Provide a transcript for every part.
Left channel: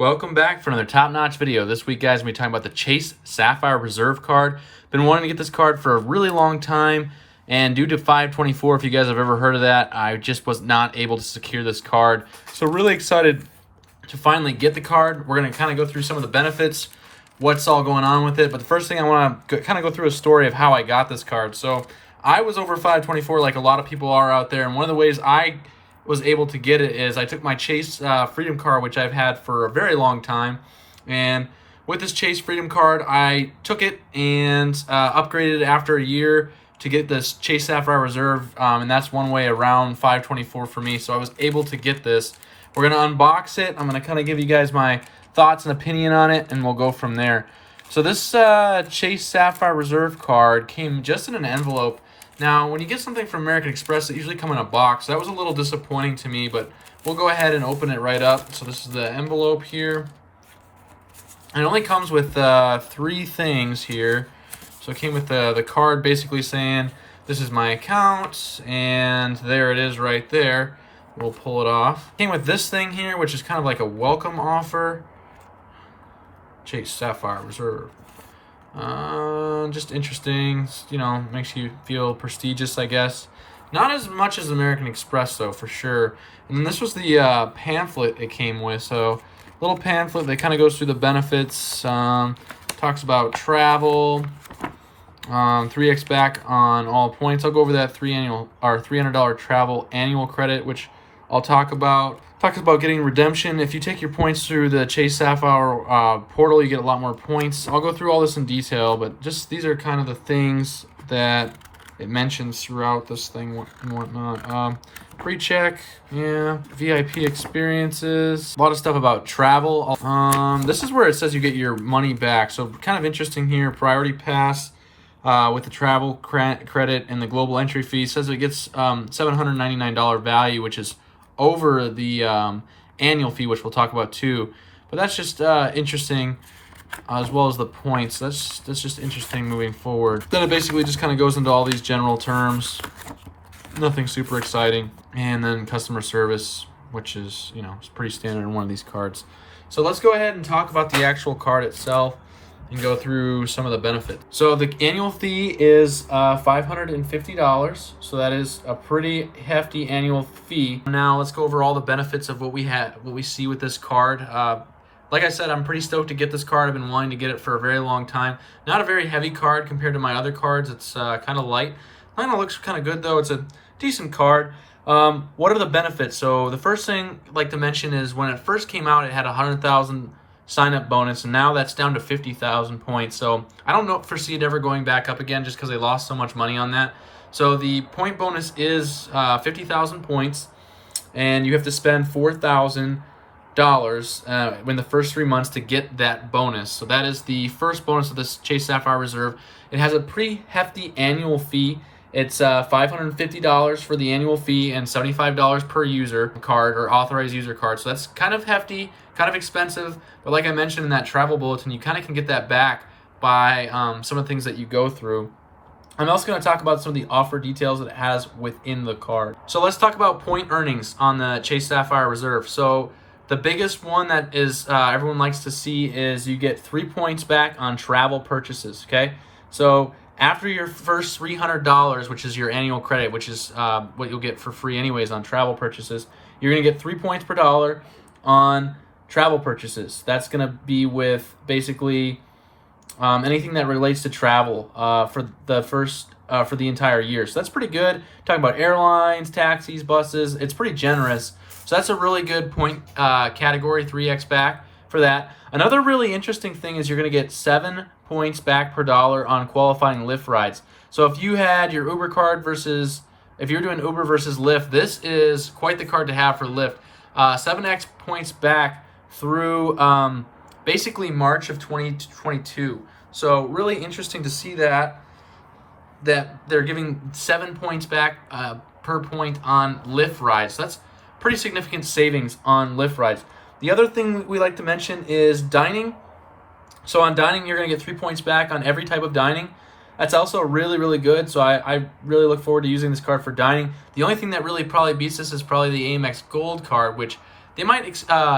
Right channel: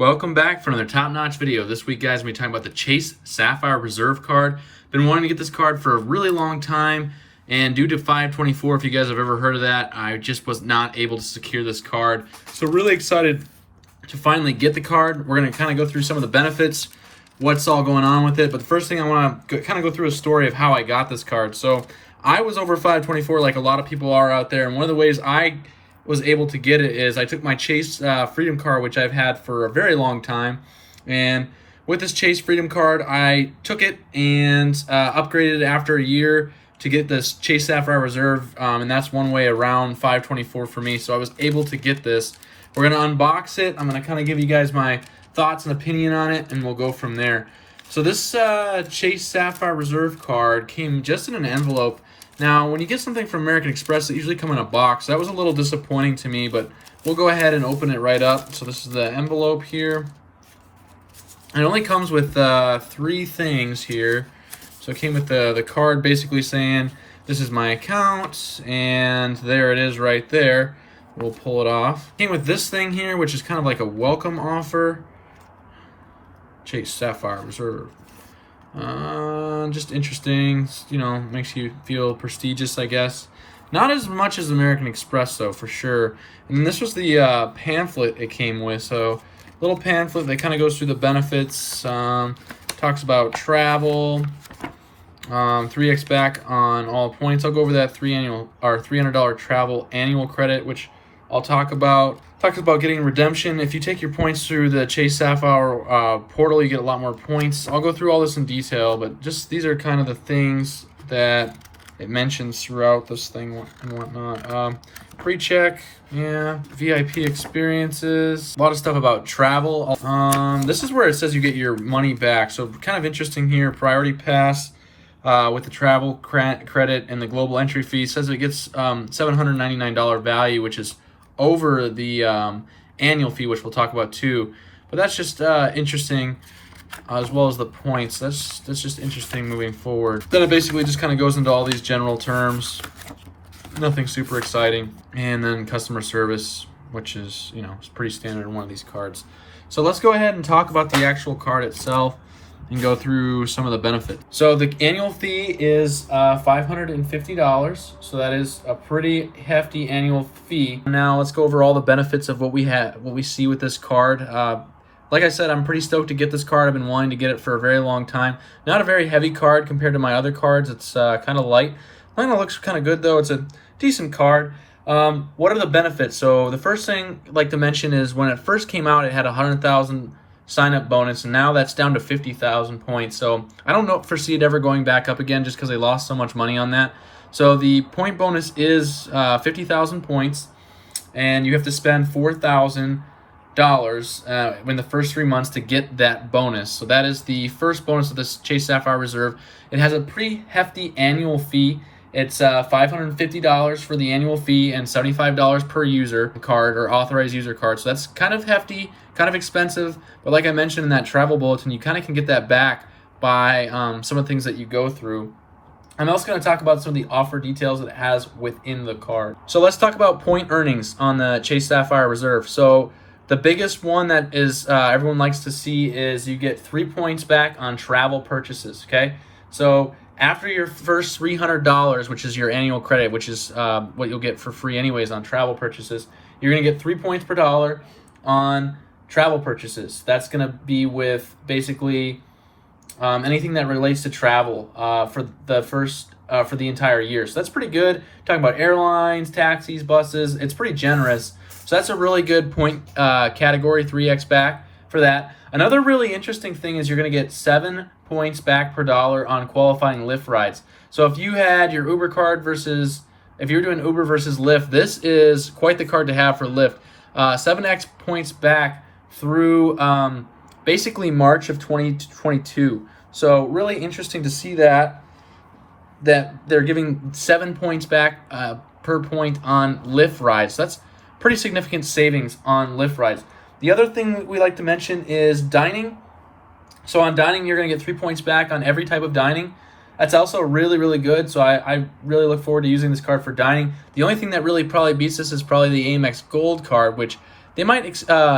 Welcome back for another top-notch video. This week, guys, we're talking about the Chase Sapphire Reserve card. Been wanting to get this card for a really long time, and due to 524, if you guys have ever heard of that, I just was not able to secure this card. So really excited to finally get the card. We're going to kind of go through some of the benefits, what's all going on with it. But the first thing I want to kind of go through a story of how I got this card. So I was over 524 like a lot of people are out there, and one of the ways I was able to get it is I took my Chase Freedom card, which I've had for a very long time, and with this Chase Freedom card, I took it and upgraded after a year to get this Chase Sapphire Reserve, and that's one way around 524 for me, so I was able to get this. We're going to unbox it. I'm going to kind of give you guys my thoughts and opinion on it, and we'll go from there. So this Chase Sapphire Reserve card came just in an envelope. Now, when you get something from American Express, it usually comes in a box. That was a little disappointing to me, but we'll go ahead and open it right up. So this is the envelope here. And it only comes with three things here. So it came with the card basically saying, this is my account, and there it is right there. We'll pull it off. It came with this thing here, which is kind of like a welcome offer. Chase Sapphire Reserve. Just interesting, you know, makes you feel prestigious, I guess. Not as much as American Express, though, for sure. And this was the pamphlet it came with. So, little pamphlet that kind of goes through the benefits. Talks about travel, 3x back on all points. I'll go over that $300 travel annual credit, which I'll talk about. Talks about getting redemption. If you take your points through the Chase Sapphire portal, you get a lot more points. I'll go through all this in detail, but just these are kind of the things that it mentions throughout this thing and whatnot. Pre-check, yeah, VIP experiences, a lot of stuff about travel. This is where it says you get your money back. So kind of interesting here, priority pass with the travel credit and the global entry fee. It says it gets $799 value, which is over the annual fee, which we'll talk about too. But that's just interesting, as well as the points. That's just interesting moving forward. Then it basically just kind of goes into all these general terms. Nothing super exciting. And then customer service, which is, you know, it's pretty standard in one of these cards. So let's go ahead and talk about the actual card itself and go through some of the benefits. So the annual fee is $550, so that is a pretty hefty annual fee. Now let's go over all the benefits of what we see with this card. Like I said, I'm pretty stoked to get this card. I've been wanting to get it for a very long time. Not a very heavy card compared to my other cards. It's kind of light. Kind of looks kind of good though. It's a decent card. What are the benefits? So the first thing I'd like to mention is when it first came out, it had 100,000 sign-up bonus, and now that's down to 50,000 points. So I don't foresee it ever going back up again just because they lost so much money on that. So the point bonus is 50,000 points, and you have to spend $4,000 in the first 3 months to get that bonus. So that is the first bonus of this Chase Sapphire Reserve. It has a pretty hefty annual fee. It's $550 for the annual fee and $75 per user card or authorized user card. So that's kind of hefty, kind of expensive. But like I mentioned in that travel bulletin, you kind of can get that back by some of the things that you go through. I'm also going to talk about some of the offer details that it has within the card. So let's talk about point earnings on the Chase Sapphire Reserve. So the biggest one that is everyone likes to see is you get 3 points back on travel purchases. Okay, so after your first $300, which is your annual credit, which is what you'll get for free anyways on travel purchases, you're going to get 3 points per dollar on travel purchases. That's going to be with basically anything that relates to travel for the entire year. So that's pretty good. Talking about airlines, taxis, buses, it's pretty generous. So that's a really good point category, 3x back for that. Another really interesting thing is you're going to get 7 points back per dollar on qualifying Lyft rides. So if you had your Uber card versus, if you're doing Uber versus Lyft, this is quite the card to have for Lyft. 7x points back through basically March of 2022. So really interesting to see that they're giving 7 points back per point on Lyft rides. So that's pretty significant savings on Lyft rides. The other thing we like to mention is dining. So on dining, you're going to get 3 points back on every type of dining. That's also really, really good. So I really look forward to using this card for dining. The only thing that really probably beats this is probably the Amex Gold card, which They might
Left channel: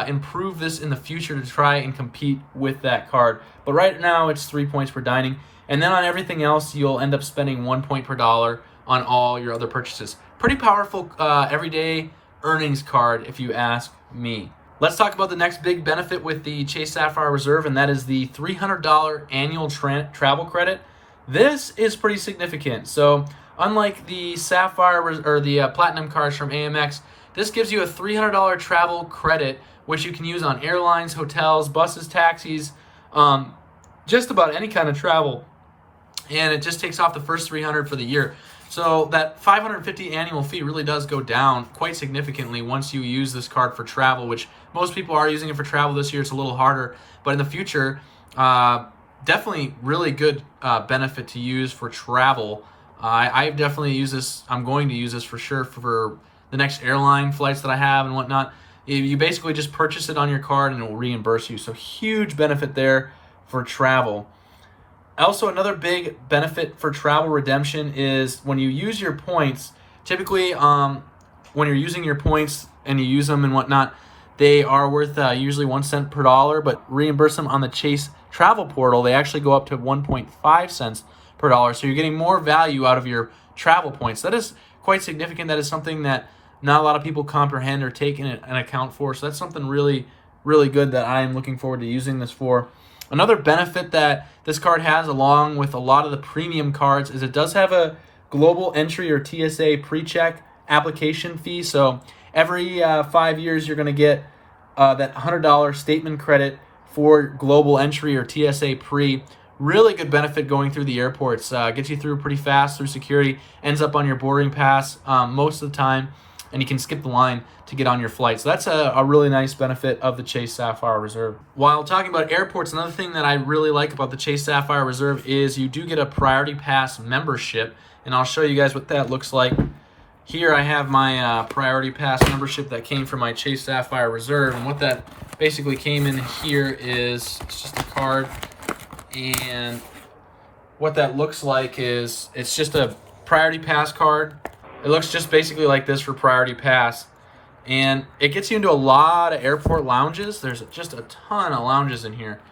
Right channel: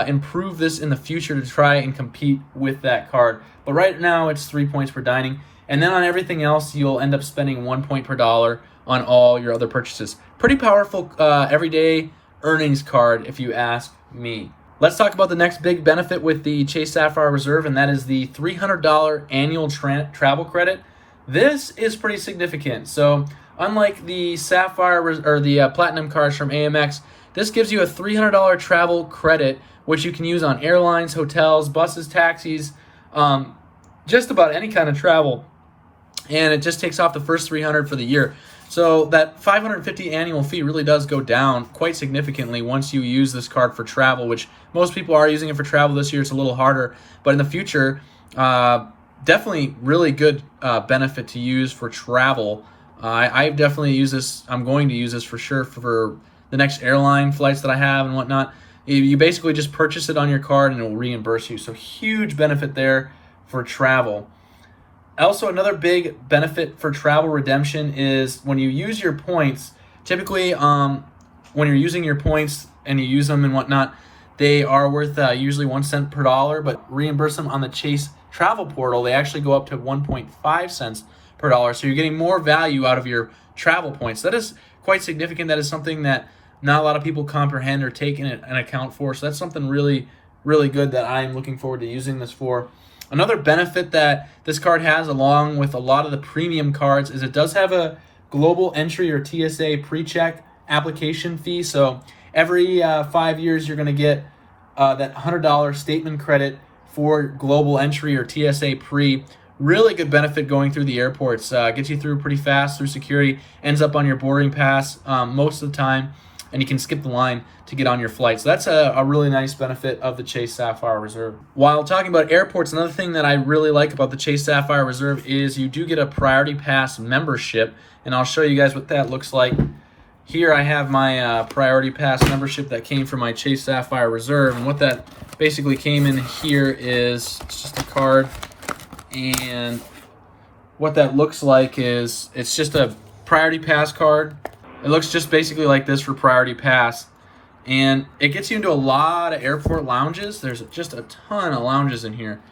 improve this in the future to try and compete with that card. But right now it's 3 points per dining. And then on everything else, you'll end up spending 1 point per dollar on all your other purchases. Pretty powerful everyday earnings card, if you ask me. Let's talk about the next big benefit with the Chase Sapphire Reserve, and that is the $300 annual travel credit. This is pretty significant. So unlike the Sapphire or the Platinum cards from AMX, this gives you a $300 travel credit, which you can use on airlines, hotels, buses, taxis, just about any kind of travel. And it just takes off the first $300 for the year. So that $550 annual fee really does go down quite significantly once you use this card for travel, which most people are using it for travel this year. It's a little harder, but in the future, definitely really good benefit to use for travel. I definitely use this. I'm going to use this for sure for the next airline flights that I have and whatnot. You basically just purchase it on your card and it will reimburse you. So huge benefit there for travel. Also, another big benefit for travel redemption is when you use your points. Typically, when you're using your points and you use them and whatnot, they are worth usually 1 cent per dollar, but reimburse them on the Chase travel portal. They actually go up to 1.5 cents per dollar. So you're getting more value out of your travel points. That is quite significant. That is something that not a lot of people comprehend or take in an account for. So that's something really, really good that I'm looking forward to using this for. Another benefit that this card has, along with a lot of the premium cards, is it does have a global entry or TSA pre-check application fee. So every 5 years, you're going to get that $100 statement credit for global entry or TSA pre. Really good benefit going through the airports. Gets you through pretty fast through security. Ends up on your boarding pass most of the time, and you can skip the line to get on your flight. So that's a really nice benefit of the Chase Sapphire Reserve. While talking about airports, another thing that I really like about the Chase Sapphire Reserve is you do get a Priority Pass membership, and I'll show you guys what that looks like. Here I have my Priority Pass membership that came from my Chase Sapphire Reserve, and what that basically came in here is it's just a card, and what that looks like is it's just a Priority Pass card. It looks just basically like this for Priority Pass. And it gets you into a lot of airport lounges. There's just a ton of lounges in here.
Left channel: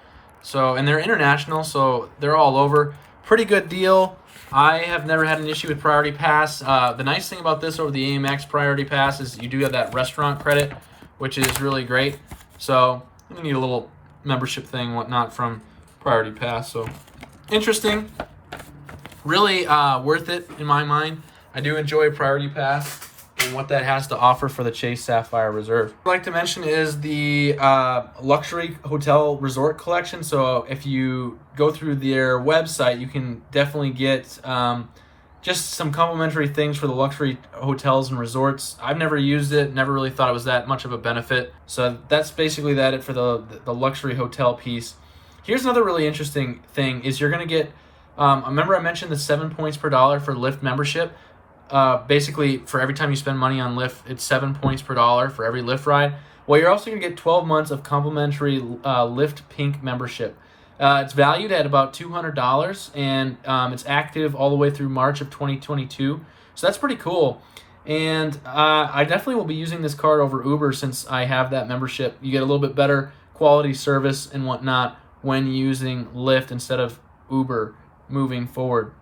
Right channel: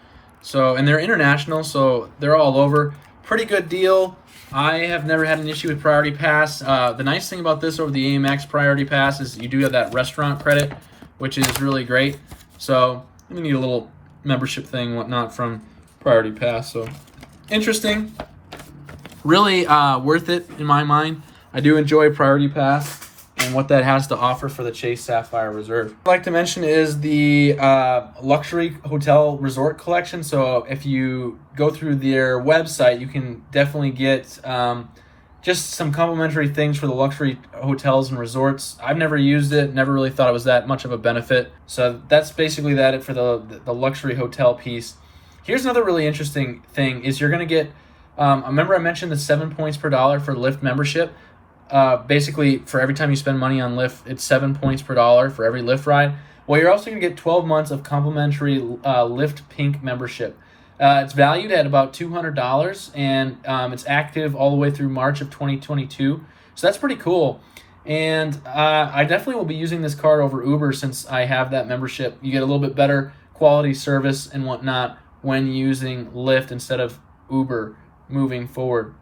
So, and they're international, so they're all over. Pretty good deal. I have never had an issue with Priority Pass. The nice thing about this over the AMX Priority Pass is you do have that restaurant credit, which is really great. So, you need a little membership thing, whatnot, from Priority Pass. So, interesting. Really worth it in my mind. I do enjoy Priority Pass and what that has to offer for the Chase Sapphire Reserve. What I'd like to mention is the luxury hotel resort collection. So if you go through their website, you can definitely get just some complimentary things for the luxury hotels and resorts. I've never used it, never really thought it was that much of a benefit. So that's basically it for the luxury hotel piece. Here's another really interesting thing is you're going to get, remember I mentioned the 7 points per dollar for Lyft membership. Basically, for every time you spend money on Lyft, it's 7 points per dollar for every Lyft ride. Well, you're also going to get 12 months of complimentary Lyft Pink membership. It's valued at about $200, and it's active all the way through March of 2022. So that's pretty cool. And I definitely will be using this card over Uber since I have that membership. You get a little bit better quality service and whatnot when using Lyft instead of Uber moving forward.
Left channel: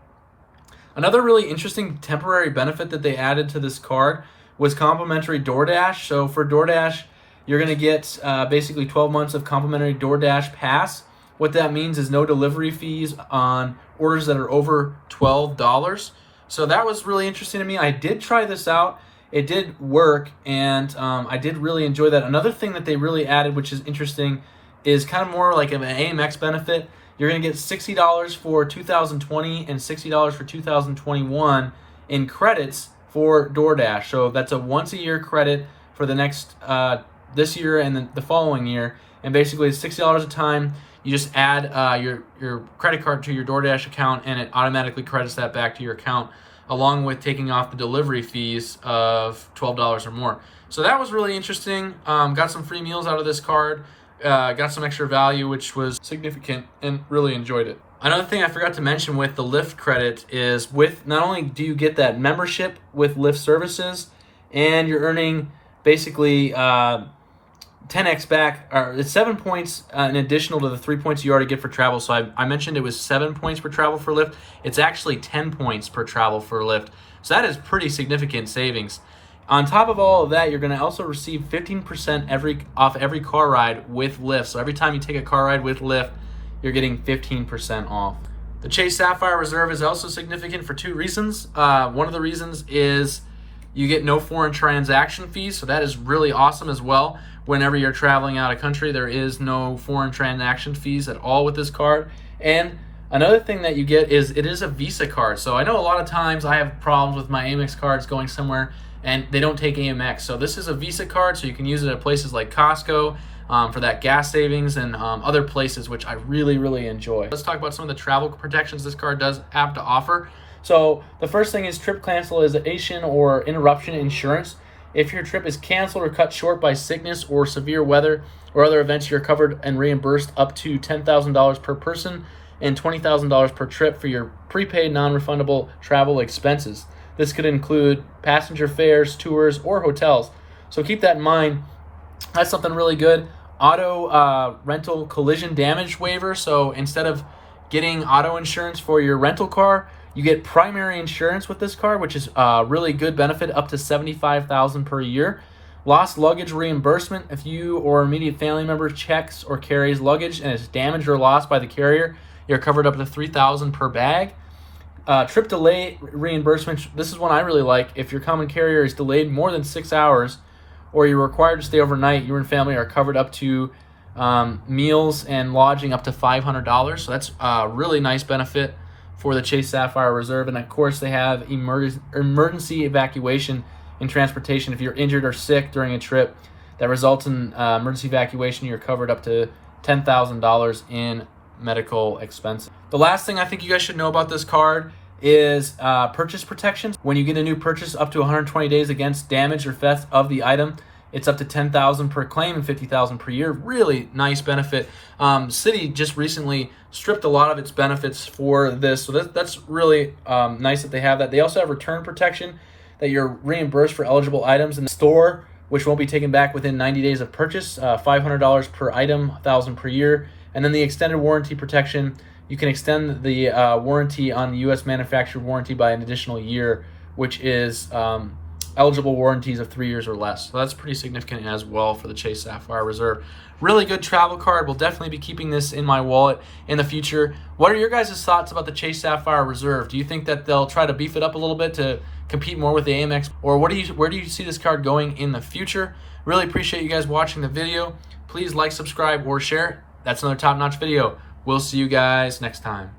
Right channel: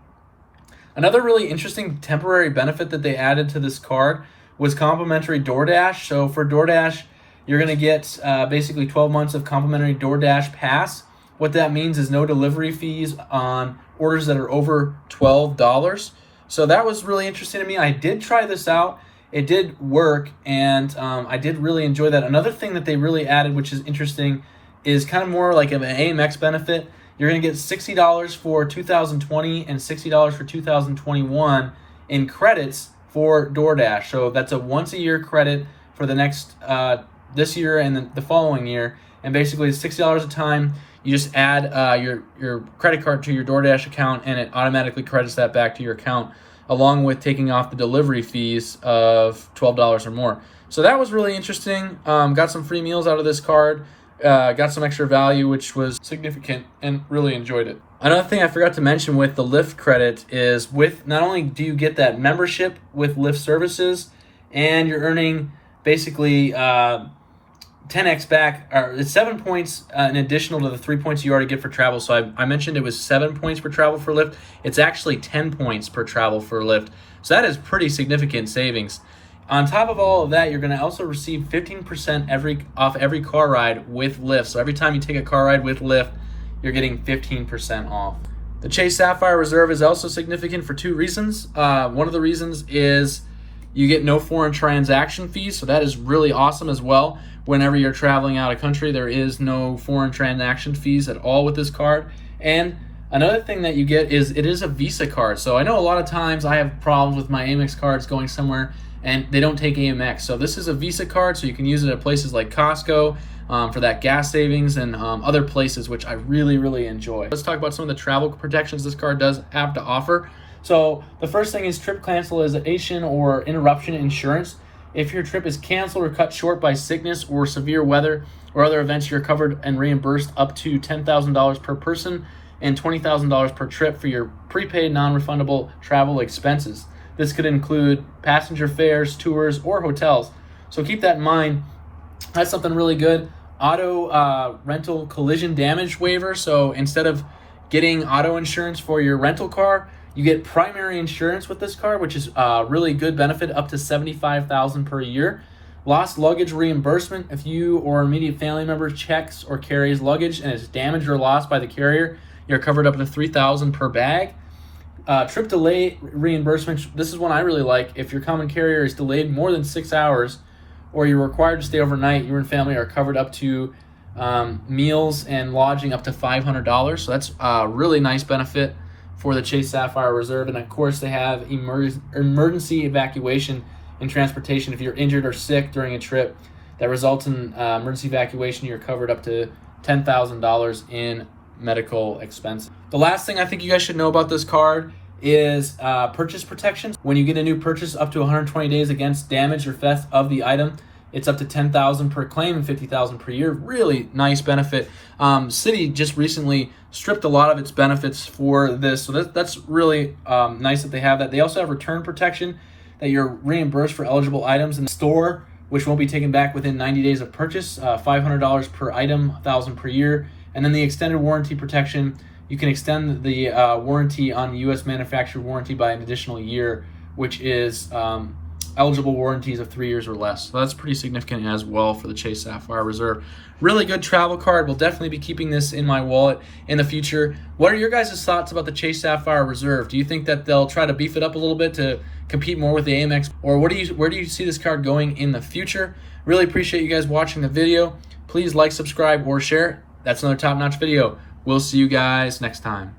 Another really interesting temporary benefit that they added to this card was complimentary DoorDash. So for DoorDash, you're going to get basically 12 months of complimentary DoorDash Pass. What that means is no delivery fees on orders that are over $12. So that was really interesting to me. I did try this out. It did work, and I did really enjoy that. Another thing that they really added, which is interesting, is kind of more like an AMX benefit. You're going to get $60 for 2020 and $60 for 2021 in credits for DoorDash. So that's a once-a-year credit for the next this year and the following year. And basically, it's $60 a time. You just add your credit card to your DoorDash account, and it automatically credits that back to your account, along with taking off the delivery fees of $12 or more. So that was really interesting. Got some free meals out of this card. Got some extra value, which was significant, and really enjoyed it. Another thing I forgot to mention with the Lyft credit is with not only do you get that membership with Lyft services, and you're earning basically 10x back, or it's 7 points in additional to the 3 points you already get for travel. So I mentioned it was 7 points per travel for Lyft. It's actually 10 points per travel for Lyft. So that is pretty significant savings. On top of all of that, you're going to also receive 15% off every car ride with Lyft. So every time you take a car ride with Lyft, you're getting 15% off. The Chase Sapphire Reserve is also significant for 2 reasons. One of the reasons is you get no foreign transaction fees, so that is really awesome as well. Whenever you're traveling out of country, there is no foreign transaction fees at all with this card. And another thing that you get is it is a Visa card. So I know a lot of times I have problems with my Amex cards going somewhere and they don't take Amex. So this is a Visa card, so you can use it at places like Costco for that gas savings and other places, which I really, really enjoy. Let's talk about some of the travel protections this card does have to offer. So the first thing is trip cancellation or interruption insurance. If your trip is canceled or cut short by sickness or severe weather or other events, you're covered and reimbursed up to $10,000 per person and $20,000 per trip for your prepaid non-refundable travel expenses. This could include passenger fares, tours, or hotels. So keep that in mind. That's something really good. Auto rental collision damage waiver. So instead of getting auto insurance for your rental car, you get primary insurance with this card, which is a really good benefit, up to $75,000 per year. Lost luggage reimbursement. If you or immediate family member checks or carries luggage and is damaged or lost by the carrier, you're covered up to $3,000 per bag. Trip delay reimbursement. This is one I really like. If your common carrier is delayed more than 6 hours or you're required to stay overnight, you and family are covered up to meals and lodging up to $500. So that's a really nice benefit for the Chase Sapphire Reserve. And of course, they have emergency evacuation and transportation. If you're injured or sick during a trip that results in emergency evacuation, you're covered up to $10,000 in medical expenses. The last thing I think you guys should know about this card is purchase protections. When you get a new purchase up to 120 days against damage or theft of the item, it's up to $10,000 per claim and $50,000 per year. Really nice benefit. Citi just recently stripped a lot of its benefits for this, so that's really nice that they have that. They also have return protection, that you're reimbursed for eligible items in the store, which won't be taken back within 90 days of purchase. $500 per item, $1,000 per year. And then the extended warranty protection, you can extend the warranty on the U.S. manufacturer warranty by an additional year, which is eligible warranties of 3 years or less. So that's pretty significant as well for the Chase Sapphire Reserve. Really good travel card. We'll definitely be keeping this in my wallet in the future. What are your guys' thoughts about the Chase Sapphire Reserve? Do you think that they'll try to beef it up a little bit to compete more with the Amex? Or where do you see this card going in the future? Really appreciate you guys watching the video. Please like, subscribe, or share. That's another top-notch video. We'll see you guys next time.